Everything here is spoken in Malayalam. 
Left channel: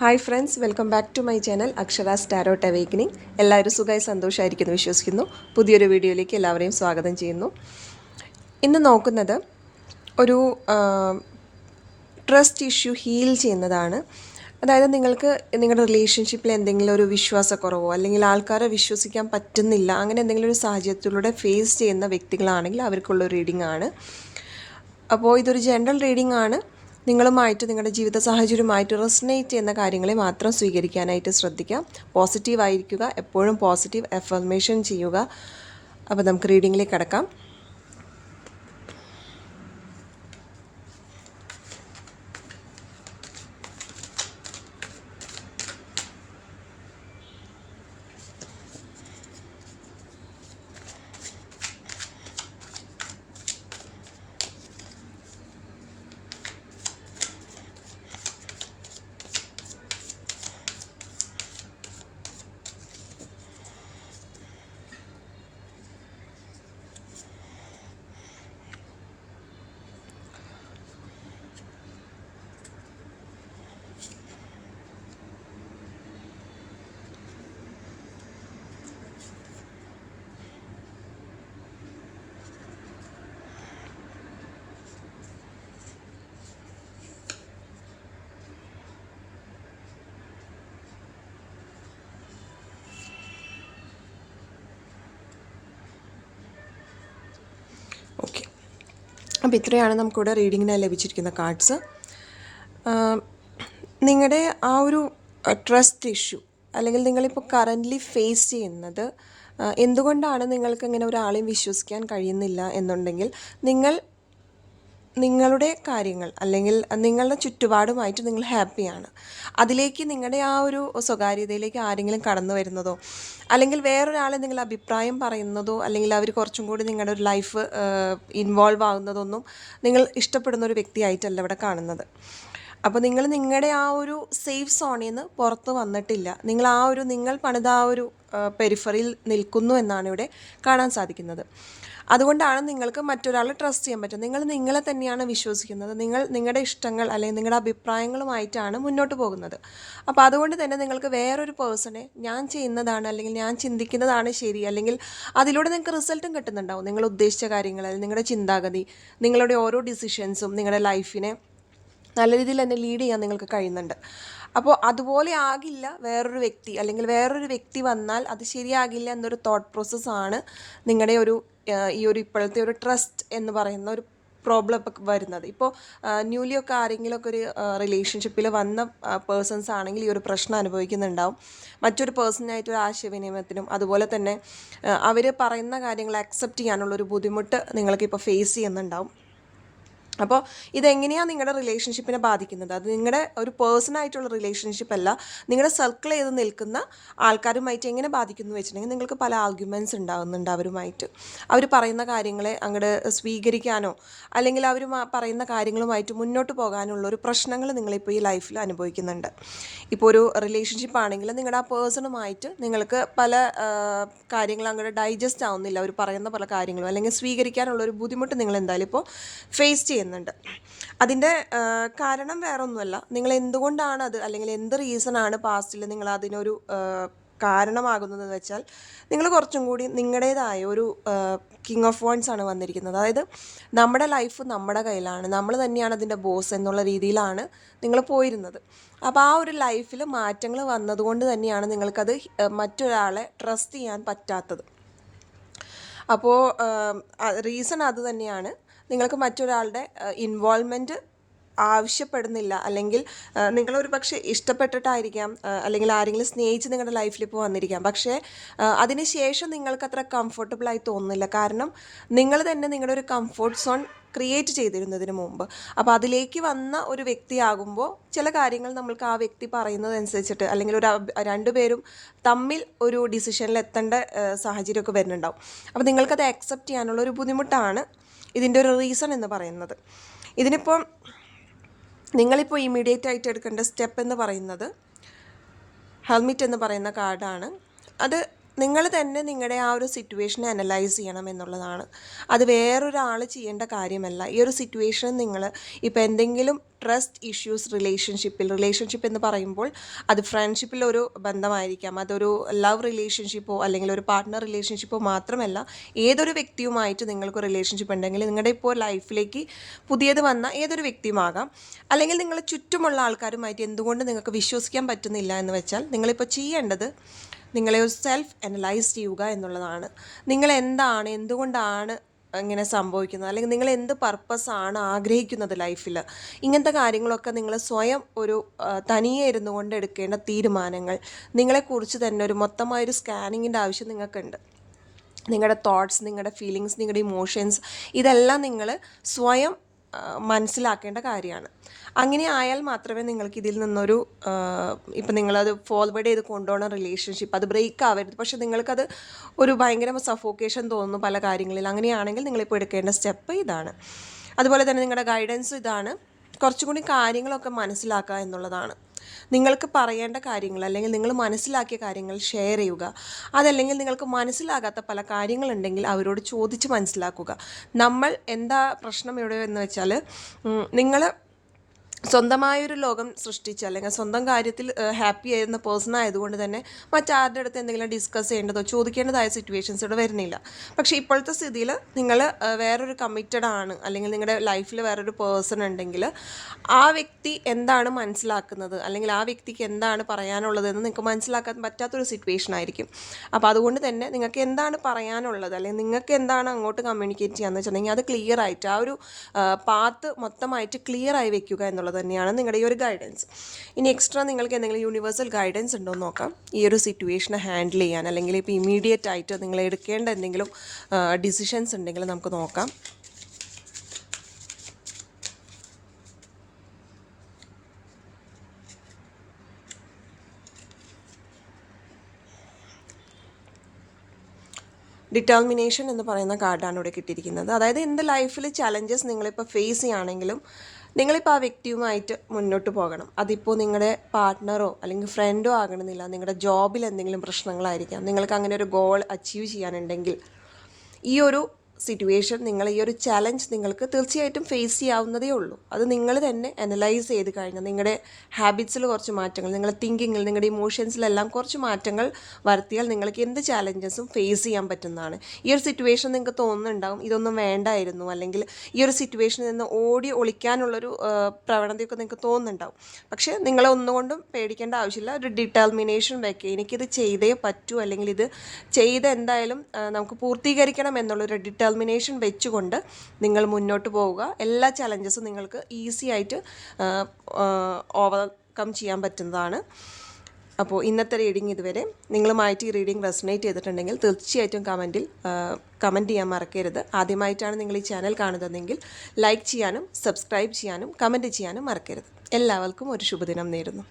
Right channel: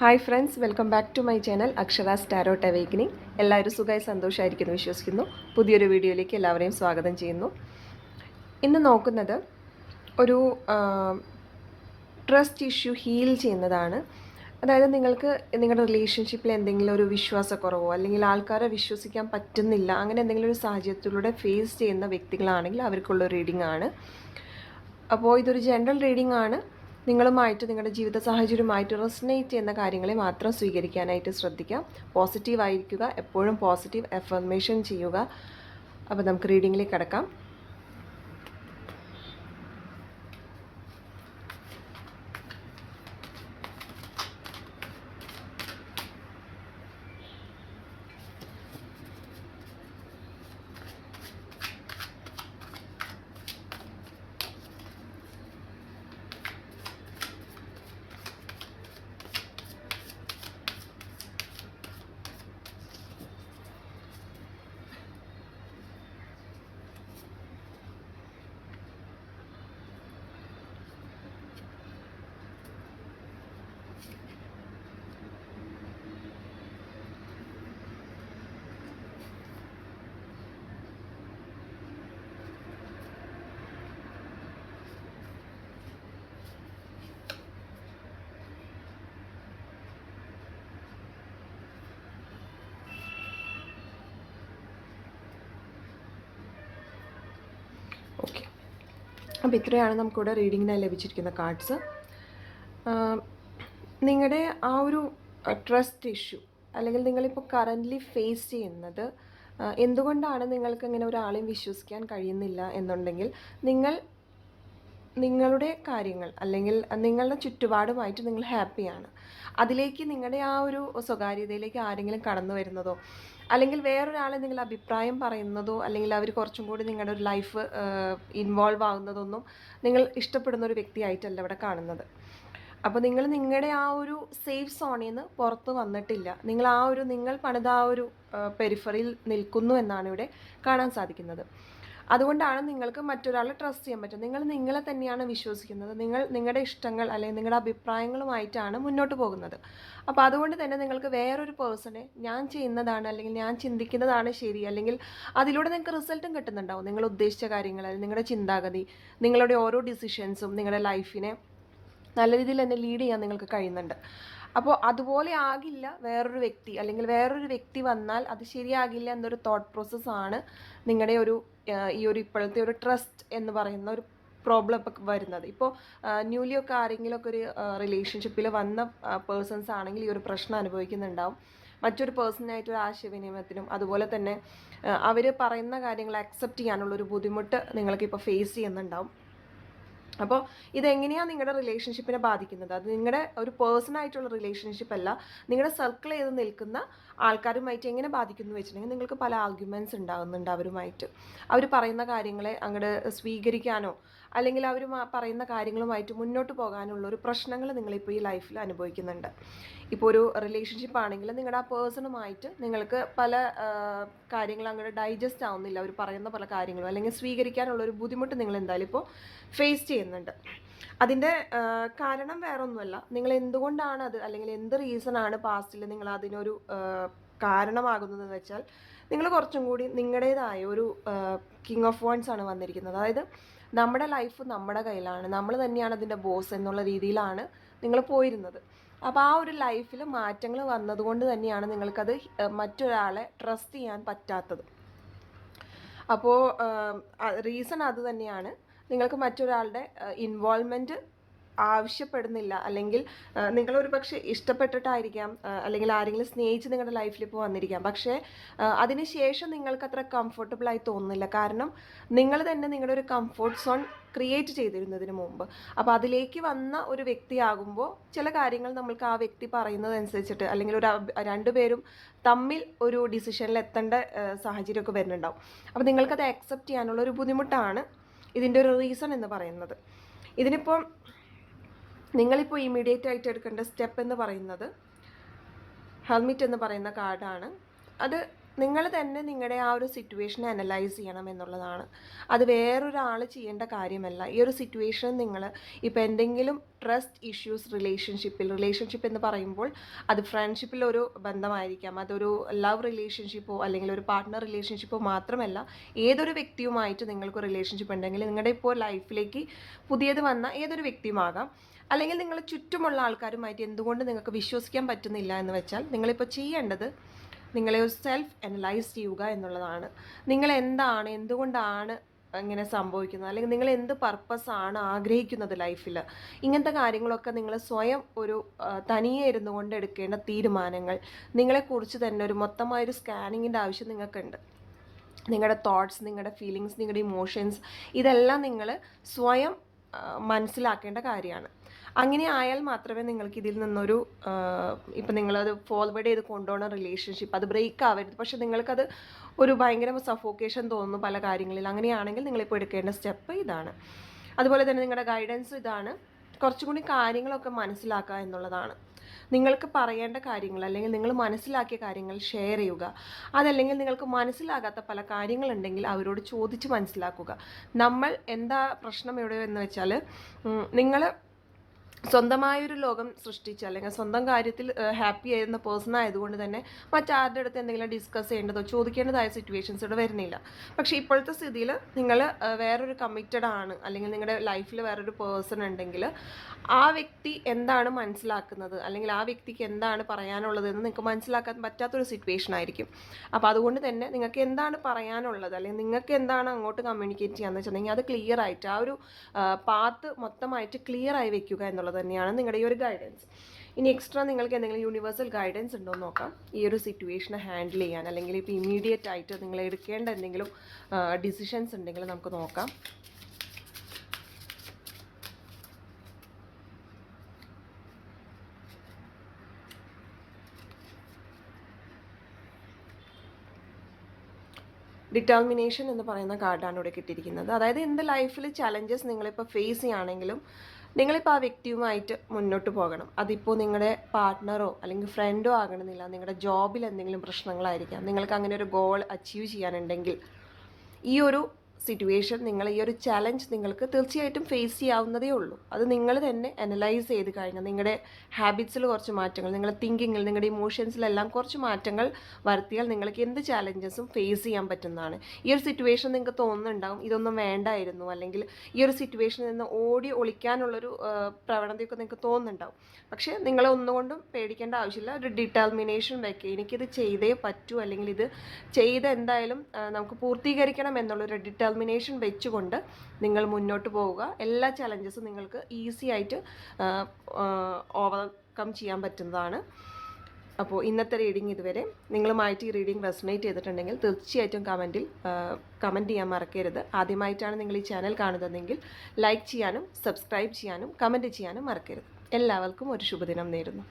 Hi friends, welcome back to my channel Akshara's tarot awakening. എല്ലാവരും സുഖമായി സന്തോഷമായിരിക്കുന്നു വിശ്വസിക്കുന്നു. പുതിയൊരു വീഡിയോയിലേക്ക് എല്ലാവരെയും സ്വാഗതം ചെയ്യുന്നു. ഇന്ന് നോക്കുന്നത് ഒരു ട്രസ്റ്റ് ഇഷ്യൂ ഹീൽ ചെയ്യുന്നതാണ്. അതായത് നിങ്ങൾക്ക് നിങ്ങളുടെ റിലേഷൻഷിപ്പിൽ എന്തെങ്കിലും ഒരു വിശ്വാസക്കുറവോ അല്ലെങ്കിൽ ആൾക്കാരെ വിശ്വസിക്കാൻ പറ്റുന്നില്ല, അങ്ങനെ എന്തെങ്കിലും ഒരു സാഹചര്യത്തിലൂടെ ഫേസ് ചെയ്യുന്ന വ്യക്തികളാണെങ്കിൽ അവർക്കുള്ള റീഡിംഗ് ആണ്. അപ്പോൾ ഇതൊരു ജനറൽ റീഡിംഗ് ആണ്. നിങ്ങളുമായിട്ട് നിങ്ങളുടെ ജീവിത സാഹചര്യവുമായിട്ട് റെസനേറ്റ് ചെയ്യുന്ന കാര്യങ്ങളെ മാത്രം സ്വീകരിക്കാനായിട്ട് ശ്രദ്ധിക്കാം. പോസിറ്റീവായിരിക്കുക, എപ്പോഴും പോസിറ്റീവ് അഫർമേഷൻ ചെയ്യുക. അപ്പോൾ നമുക്ക് റീഡിങ്ങിലേക്ക് കടക്കാം. ഓക്കെ, അപ്പോൾ ഇത്രയാണ് നമുക്കിവിടെ റീഡിങ്ങിനായി ലഭിച്ചിരിക്കുന്ന കാർഡ്സ്. നിങ്ങളുടെ ആ ഒരു ട്രസ്റ്റ് ഇഷ്യൂ അല്ലെങ്കിൽ നിങ്ങളിപ്പോൾ കറൻ്റ്ലി ഫേസ് ചെയ്യുന്നത് എന്തുകൊണ്ടാണ് നിങ്ങൾക്ക് ഇങ്ങനെ ഒരാളെയും വിശ്വസിക്കാൻ കഴിയുന്നില്ല എന്നുണ്ടെങ്കിൽ നിങ്ങളുടെ കാര്യങ്ങൾ അല്ലെങ്കിൽ നിങ്ങളുടെ ചുറ്റുപാടുമായിട്ട് നിങ്ങൾ ഹാപ്പിയാണ്. അതിലേക്ക് നിങ്ങളുടെ ആ ഒരു സ്വകാര്യതയിലേക്ക് ആരെങ്കിലും കടന്നു വരുന്നതോ അല്ലെങ്കിൽ വേറൊരാളെ നിങ്ങൾ അഭിപ്രായം പറയുന്നതോ അല്ലെങ്കിൽ അവർ കുറച്ചും കൂടി നിങ്ങളുടെ ഒരു ലൈഫ് ഇൻവോൾവ് ആകുന്നതൊന്നും നിങ്ങൾ ഇഷ്ടപ്പെടുന്ന ഒരു വ്യക്തിയായിട്ടല്ല ഇവിടെ കാണുന്നത്. അപ്പോൾ നിങ്ങളുടെ ആ ഒരു സേഫ് സോണിൽ നിന്ന് പുറത്ത് വന്നിട്ടില്ല. നിങ്ങൾ പണിത ആ ഒരു പെരിഫറിയിൽ നിൽക്കുന്നു എന്നാണ് ഇവിടെ കാണാൻ സാധിക്കുന്നത്. അതുകൊണ്ടാണ് നിങ്ങൾക്ക് മറ്റൊരാളെ ട്രസ്റ്റ് ചെയ്യാൻ പറ്റും. നിങ്ങളെ തന്നെയാണ് വിശ്വസിക്കുന്നത്. നിങ്ങളുടെ ഇഷ്ടങ്ങൾ അല്ലെങ്കിൽ നിങ്ങളുടെ അഭിപ്രായങ്ങളുമായിട്ടാണ് മുന്നോട്ട് പോകുന്നത്. അപ്പോൾ അതുകൊണ്ട് തന്നെ നിങ്ങൾക്ക് വേറൊരു പേഴ്സണെ ഞാൻ ചെയ്യുന്നതാണ് അല്ലെങ്കിൽ ഞാൻ ചിന്തിക്കുന്നതാണ് ശരി, അല്ലെങ്കിൽ അതിലൂടെ നിങ്ങൾക്ക് റിസൾട്ടും കിട്ടുന്നുണ്ടാവും. നിങ്ങൾ ഉദ്ദേശിച്ച കാര്യങ്ങൾ അല്ലെങ്കിൽ നിങ്ങളുടെ ചിന്താഗതി, നിങ്ങളുടെ ഓരോ ഡിസിഷൻസും നിങ്ങളുടെ ലൈഫിനെ നല്ല രീതിയിൽ തന്നെ ലീഡ് ചെയ്യാൻ നിങ്ങൾക്ക് കഴിയുന്നുണ്ട്. അപ്പോൾ അതുപോലെ ആകില്ല വേറൊരു വ്യക്തി, അല്ലെങ്കിൽ വേറൊരു വ്യക്തി വന്നാൽ അത് ശരിയാകില്ല എന്നൊരു തോട്ട് പ്രോസസ്സാണ് നിങ്ങളുടെ ഈ ഒരു ഇപ്പോഴത്തെ ഒരു ട്രസ്റ്റ് എന്ന് പറയുന്ന ഒരു പ്രോബ്ലം ഇപ്പോൾ വരുന്നത്. ഇപ്പോൾ ന്യൂലിയൊക്കെ ആരെങ്കിലുമൊക്കെ ഒരു റിലേഷൻഷിപ്പിൽ വന്ന പേഴ്സൺസ് ആണെങ്കിൽ ഈ ഒരു പ്രശ്നം അനുഭവിക്കുന്നുണ്ടാവും. മറ്റൊരു പേഴ്സണായിട്ട് ഒരു ആശയവിനിമയത്തിനും അതുപോലെ തന്നെ അവർ പറയുന്ന കാര്യങ്ങൾ അക്സെപ്റ്റ് ചെയ്യാനുള്ളൊരു ബുദ്ധിമുട്ട് നിങ്ങൾക്കിപ്പോൾ ഫേസ് ചെയ്യുന്നുണ്ടാവും. അപ്പോൾ ഇതെങ്ങനെയാണ് നിങ്ങളുടെ റിലേഷൻഷിപ്പിനെ ബാധിക്കുന്നത്? അത് നിങ്ങളുടെ ഒരു പേഴ്സണായിട്ടുള്ള റിലേഷൻഷിപ്പ് അല്ല, നിങ്ങളുടെ സർക്കിൾ ചെയ്ത് നിൽക്കുന്ന ആൾക്കാരുമായിട്ട് എങ്ങനെ ബാധിക്കുന്നു വെച്ചിട്ടുണ്ടെങ്കിൽ നിങ്ങൾക്ക് പല ആർഗ്യുമെൻറ്റ്സ് ഉണ്ടാകുന്നുണ്ട് അവരുമായിട്ട്. അവർ പറയുന്ന കാര്യങ്ങളെ അങ്ങോട്ട് സ്വീകരിക്കാനോ അല്ലെങ്കിൽ അവർ പറയുന്ന കാര്യങ്ങളുമായിട്ട് മുന്നോട്ട് പോകാനുള്ള ഒരു പ്രശ്നങ്ങൾ നിങ്ങളിപ്പോൾ ഈ ലൈഫിൽ അനുഭവിക്കുന്നുണ്ട്. ഇപ്പോൾ ഒരു റിലേഷൻഷിപ്പ് ആണെങ്കിൽ നിങ്ങളുടെ ആ പേഴ്സണുമായിട്ട് നിങ്ങൾക്ക് പല കാര്യങ്ങൾ അങ്ങോട്ട് ഡൈജസ്റ്റ് ആവുന്നില്ല. അവർ പറയുന്ന പല കാര്യങ്ങളും അല്ലെങ്കിൽ സ്വീകരിക്കാനുള്ള ഒരു ബുദ്ധിമുട്ട് നിങ്ങൾ എന്തായാലും ഇപ്പോൾ ഫേസ് ചെയ്യുന്നുണ്ട്. അതിൻ്റെ കാരണം വേറെ ഒന്നുമല്ല, നിങ്ങൾ എന്തുകൊണ്ടാണ് അത് അല്ലെങ്കിൽ എന്ത് റീസണാണ് പാസ്റ്റിൽ നിങ്ങൾ അതിനൊരു കാരണമാകുന്നതെന്ന് വെച്ചാൽ നിങ്ങൾ കുറച്ചും കൂടി നിങ്ങളുടേതായ ഒരു കിങ് ഓഫ് വൺസ് ആണ് വന്നിരിക്കുന്നത്. അതായത് നമ്മുടെ ലൈഫ് നമ്മുടെ കയ്യിലാണ്, നമ്മൾ തന്നെയാണ് അതിൻ്റെ ബോസ് എന്നുള്ള രീതിയിലാണ് നിങ്ങൾ പോയിരുന്നത്. അപ്പോൾ ആ ഒരു ലൈഫിൽ മാറ്റങ്ങൾ വന്നതുകൊണ്ട് തന്നെയാണ് നിങ്ങൾക്കത് മറ്റൊരാളെ ട്രസ്റ്റ് ചെയ്യാൻ പറ്റാത്തത്. അപ്പോൾ റീസൺ അത് തന്നെയാണ്. നിങ്ങൾക്ക് മറ്റൊരാളുടെ ഇൻവോൾവ്മെൻറ്റ് ആവശ്യപ്പെടുന്നില്ല, അല്ലെങ്കിൽ നിങ്ങളൊരു പക്ഷേ ഇഷ്ടപ്പെട്ടിട്ടായിരിക്കാം അല്ലെങ്കിൽ ആരെങ്കിലും സ്നേഹിച്ച് നിങ്ങളുടെ ലൈഫിൽ ഇപ്പോൾ വന്നിരിക്കാം. പക്ഷേ അതിന് ശേഷം നിങ്ങൾക്കത്ര കംഫർട്ടബിളായി തോന്നുന്നില്ല. കാരണം നിങ്ങൾ തന്നെ നിങ്ങളുടെ ഒരു കംഫർട്ട് സോൺ ക്രിയേറ്റ് ചെയ്തിരുന്നതിന് മുമ്പ്. അപ്പോൾ അതിലേക്ക് വന്ന ഒരു വ്യക്തിയാകുമ്പോൾ ചില കാര്യങ്ങൾ നമ്മൾക്ക് ആ വ്യക്തി പറയുന്നതനുസരിച്ചിട്ട് അല്ലെങ്കിൽ രണ്ടുപേരും തമ്മിൽ ഒരു ഡിസിഷനിൽ എത്തേണ്ട സാഹചര്യമൊക്കെ വരുന്നുണ്ടാവും. അപ്പോൾ നിങ്ങൾക്കത് അക്സെപ്റ്റ് ചെയ്യാനുള്ള ഒരു ബുദ്ധിമുട്ടാണ് ഇതിൻ്റെ ഒരു റീസൺ എന്ന് പറയുന്നത്. ഇതിനിപ്പോൾ നിങ്ങളിപ്പോൾ ഇമ്മീഡിയറ്റ് ആയിട്ട് എടുക്കേണ്ട സ്റ്റെപ്പ് എന്ന് പറയുന്നത് ഹെൽമിറ്റ് എന്ന് പറയുന്ന കാർഡാണ്. അത് നിങ്ങൾ തന്നെ നിങ്ങളുടെ ആ ഒരു സിറ്റുവേഷനെ അനലൈസ് ചെയ്യണം എന്നുള്ളതാണ്. അത് വേറൊരാൾ ചെയ്യേണ്ട കാര്യമല്ല. ഈ ഒരു സിറ്റുവേഷൻ നിങ്ങൾ ഇപ്പോൾ എന്തെങ്കിലും ട്രസ്റ്റ് ഇഷ്യൂസ് റിലേഷൻഷിപ്പ് എന്ന് പറയുമ്പോൾ അത് ഫ്രണ്ട്ഷിപ്പിലൊരു ബന്ധമായിരിക്കാം, അതൊരു ലവ് റിലേഷൻഷിപ്പോ അല്ലെങ്കിൽ ഒരു പാർട്ട്ണർ റിലേഷൻഷിപ്പോ മാത്രമല്ല, ഏതൊരു വ്യക്തിയുമായിട്ട് നിങ്ങൾക്ക് റിലേഷൻഷിപ്പ് ഉണ്ടെങ്കിൽ നിങ്ങളുടെ ഇപ്പോൾ ലൈഫിലേക്ക് പുതിയത് വന്ന ഏതൊരു വ്യക്തിയുമാകാം, അല്ലെങ്കിൽ നിങ്ങൾ ചുറ്റുമുള്ള ആൾക്കാരുമായിട്ട് എന്തുകൊണ്ട് നിങ്ങൾക്ക് വിശ്വസിക്കാൻ പറ്റുന്നില്ല എന്ന് വെച്ചാൽ നിങ്ങളിപ്പോൾ ചെയ്യേണ്ടത് നിങ്ങളെ ഒരു സെൽഫ് അനലൈസ് ചെയ്യുക എന്നുള്ളതാണ്. നിങ്ങൾ എന്താണ്, എന്തുകൊണ്ടാണ് ഇങ്ങനെ സംഭവിക്കുന്നത്, അല്ലെങ്കിൽ നിങ്ങൾ എന്ത് പർപ്പസാണ് ആഗ്രഹിക്കുന്നത് ലൈഫിൽ, ഇങ്ങനത്തെ കാര്യങ്ങളൊക്കെ നിങ്ങൾ സ്വയം ഒരു തനിയെ ഇരുന്നു കൊണ്ട് എടുക്കേണ്ട തീരുമാനങ്ങൾ, നിങ്ങളെക്കുറിച്ച് തന്നെ ഒരു മൊത്തമായൊരു സ്കാനിങ്ങിൻ്റെ ആവശ്യം നിങ്ങൾക്കുണ്ട്. നിങ്ങളുടെ തോട്ട്സ്, നിങ്ങളുടെ ഫീലിങ്സ്, നിങ്ങളുടെ ഇമോഷൻസ്, ഇതെല്ലാം നിങ്ങൾ സ്വയം മനസ്സിലാക്കേണ്ട കാര്യമാണ്. അങ്ങനെ ആയാൽ മാത്രമേ നിങ്ങൾക്ക് ഇതിൽ നിന്നൊരു ഇപ്പം നിങ്ങളത് ഫോർവേഡ് ചെയ്ത് കൊണ്ടുപോകണ റിലേഷൻഷിപ്പ് അത് ബ്രേക്ക് ആവരുത്. പക്ഷെ നിങ്ങൾക്കത് ഒരു ഭയങ്കര സഫോക്കേഷൻ തോന്നുന്നു പല കാര്യങ്ങളിൽ. അങ്ങനെയാണെങ്കിൽ നിങ്ങളിപ്പോൾ എടുക്കേണ്ട സ്റ്റെപ്പ് ഇതാണ്. അതുപോലെ തന്നെ നിങ്ങളുടെ ഗൈഡൻസ് ഇതാണ്, കുറച്ചും കൂടി കാര്യങ്ങളൊക്കെ മനസ്സിലാക്കുക എന്നുള്ളതാണ്. നിങ്ങൾക്ക് പറയേണ്ട കാര്യങ്ങൾ അല്ലെങ്കിൽ നിങ്ങൾ മനസ്സിലാക്കിയ കാര്യങ്ങൾ ഷെയർ ചെയ്യുക. അതല്ലെങ്കിൽ നിങ്ങൾക്ക് മനസ്സിലാകാത്ത പല കാര്യങ്ങളുണ്ടെങ്കിൽ അവരോട് ചോദിച്ച് മനസ്സിലാക്കുക. നമ്മൾ എന്താ പ്രശ്നം ഇവിടെ എന്ന് വെച്ചാൽ, നിങ്ങൾ സ്വന്തമായൊരു ലോകം സൃഷ്ടിച്ച് അല്ലെങ്കിൽ സ്വന്തം കാര്യത്തിൽ ഹാപ്പി ആയിരുന്ന പേഴ്സൺ ആയതുകൊണ്ട് തന്നെ മറ്റാരുടെ അടുത്ത് എന്തെങ്കിലും ഡിസ്കസ് ചെയ്യേണ്ടതോ ചോദിക്കേണ്ടതായ സിറ്റുവേഷൻസ് ഇവിടെ വരുന്നില്ല. പക്ഷേ ഇപ്പോഴത്തെ സ്ഥിതിയിൽ നിങ്ങൾ വേറൊരു കമ്മിറ്റഡ് ആണ്, അല്ലെങ്കിൽ നിങ്ങളുടെ ലൈഫിൽ വേറൊരു പേഴ്സൺ ഉണ്ടെങ്കിൽ ആ വ്യക്തി എന്താണ് മനസ്സിലാക്കുന്നത് അല്ലെങ്കിൽ ആ വ്യക്തിക്ക് എന്താണ് പറയാനുള്ളതെന്ന് നിങ്ങൾക്ക് മനസ്സിലാക്കാൻ പറ്റാത്തൊരു സിറ്റുവേഷൻ ആയിരിക്കും. അപ്പോൾ അതുകൊണ്ട് തന്നെ നിങ്ങൾക്ക് എന്താണ് പറയാനുള്ളത് അല്ലെങ്കിൽ നിങ്ങൾക്ക് എന്താണ് അങ്ങോട്ട് കമ്മ്യൂണിക്കേറ്റ് ചെയ്യാന്ന് വെച്ചിട്ടുണ്ടെങ്കിൽ അത് ക്ലിയർ ആയിട്ട് ആ ഒരു പാത്ത് മൊത്തമായിട്ട് ക്ലിയർ ആയി വെക്കുക എന്നുള്ളത് തന്നെയാണ് നിങ്ങളുടെ ഈ ഒരു ഗൈഡൻസ്. ഇനി എക്സ്ട്രാ നിങ്ങൾക്ക് എന്തെങ്കിലും യൂണിവേഴ്സൽ ഗൈഡൻസ് ഉണ്ടോ എന്ന് നോക്കാം. ഈ ഒരു സിറ്റുവേഷനെ ഹാൻഡിൽ ചെയ്യാൻ അല്ലെങ്കിൽ ഇപ്പോൾ ഇമീഡിയറ്റ് ആയിട്ട് നിങ്ങൾ എടുക്കേണ്ട എന്തെങ്കിലും ഡിസിഷൻസ് ഉണ്ടെങ്കിൽ നമുക്ക് നോക്കാം. ഡിറ്റർമിനേഷൻ എന്ന് പറയുന്ന കാർഡാണ് ഇവിടെ കിട്ടിയിരിക്കുന്നത്. അതായത് എൻ്റെ ലൈഫിൽ ചലഞ്ചസ് നിങ്ങളിപ്പോൾ ഫേസ് ചെയ്യുകയാണെങ്കിലും നിങ്ങളിപ്പോൾ ആ വ്യക്തിയുമായിട്ട് മുന്നോട്ട് പോകണം. അതിപ്പോൾ നിങ്ങളുടെ പാർട്ട്ണറോ അല്ലെങ്കിൽ ഫ്രണ്ടോ ആകണമെന്നില്ല, നിങ്ങളുടെ ജോബിൽ എന്തെങ്കിലും പ്രശ്നങ്ങളായിരിക്കാം. നിങ്ങൾക്ക് അങ്ങനെ ഒരു ഗോൾ അച്ചീവ് ചെയ്യാനുണ്ടെങ്കിൽ ഈ ഒരു സിറ്റുവേഷൻ, നിങ്ങൾ ഈ ഒരു ചലഞ്ച് നിങ്ങൾക്ക് തീർച്ചയായിട്ടും ഫേസ് ചെയ്യാവുന്നതേ ഉള്ളൂ. അത് നിങ്ങൾ തന്നെ അനലൈസ് ചെയ്ത് കഴിഞ്ഞാൽ നിങ്ങളുടെ ഹാബിറ്റ്സിൽ കുറച്ച് മാറ്റങ്ങൾ, നിങ്ങളുടെ തിങ്കിങ്ങിൽ, നിങ്ങളുടെ ഇമോഷൻസിലെല്ലാം കുറച്ച് മാറ്റങ്ങൾ വരുത്തിയാൽ നിങ്ങൾക്ക് എന്ത് ചാലഞ്ചസും ഫേസ് ചെയ്യാൻ പറ്റുന്നതാണ്. ഈ ഒരു സിറ്റുവേഷൻ നിങ്ങൾക്ക് തോന്നുന്നുണ്ടാവും ഇതൊന്നും വേണ്ടായിരുന്നു, അല്ലെങ്കിൽ ഈ ഒരു സിറ്റുവേഷനിൽ നിന്ന് ഓടി ഒളിക്കാനുള്ളൊരു പ്രവണതയൊക്കെ നിങ്ങൾക്ക് തോന്നുന്നുണ്ടാവും. പക്ഷേ നിങ്ങളെ ഒന്നുകൊണ്ടും പേടിക്കേണ്ട ആവശ്യമില്ല. ഒരു ഡിറ്റർമിനേഷൻ വയ്ക്കുക, എനിക്കിത് ചെയ്തേ പറ്റൂ, അല്ലെങ്കിൽ ഇത് ചെയ്ത് എന്തായാലും നമുക്ക് പൂർത്തീകരിക്കണം എന്നുള്ളൊരു ഡിറ്റർമിനേഷൻ വെച്ചുകൊണ്ട് നിങ്ങൾ മുന്നോട്ട് പോവുക. എല്ലാ ചലഞ്ചസും നിങ്ങൾക്ക് ഈസി ആയിട്ട് ഓവർകം ചെയ്യാൻ പറ്റുന്നതാണ്. അപ്പോൾ ഇന്നത്തെ റീഡിംഗ് ഇതുവരെ. നിങ്ങളുമായിട്ട് ഈ റീഡിംഗ് റെസണേറ്റ് ചെയ്തിട്ടുണ്ടെങ്കിൽ തീർച്ചയായിട്ടും കമൻറ്റ് ചെയ്യാൻ മറക്കരുത്. ആദ്യമായിട്ടാണ് നിങ്ങൾ ഈ ചാനൽ കാണുന്നതെങ്കിൽ ലൈക്ക് ചെയ്യാനും സബ്സ്ക്രൈബ് ചെയ്യാനും കമൻറ്റ് ചെയ്യാനും മറക്കരുത്. എല്ലാവർക്കും ഒരു ശുഭദിനം നേരുന്നു.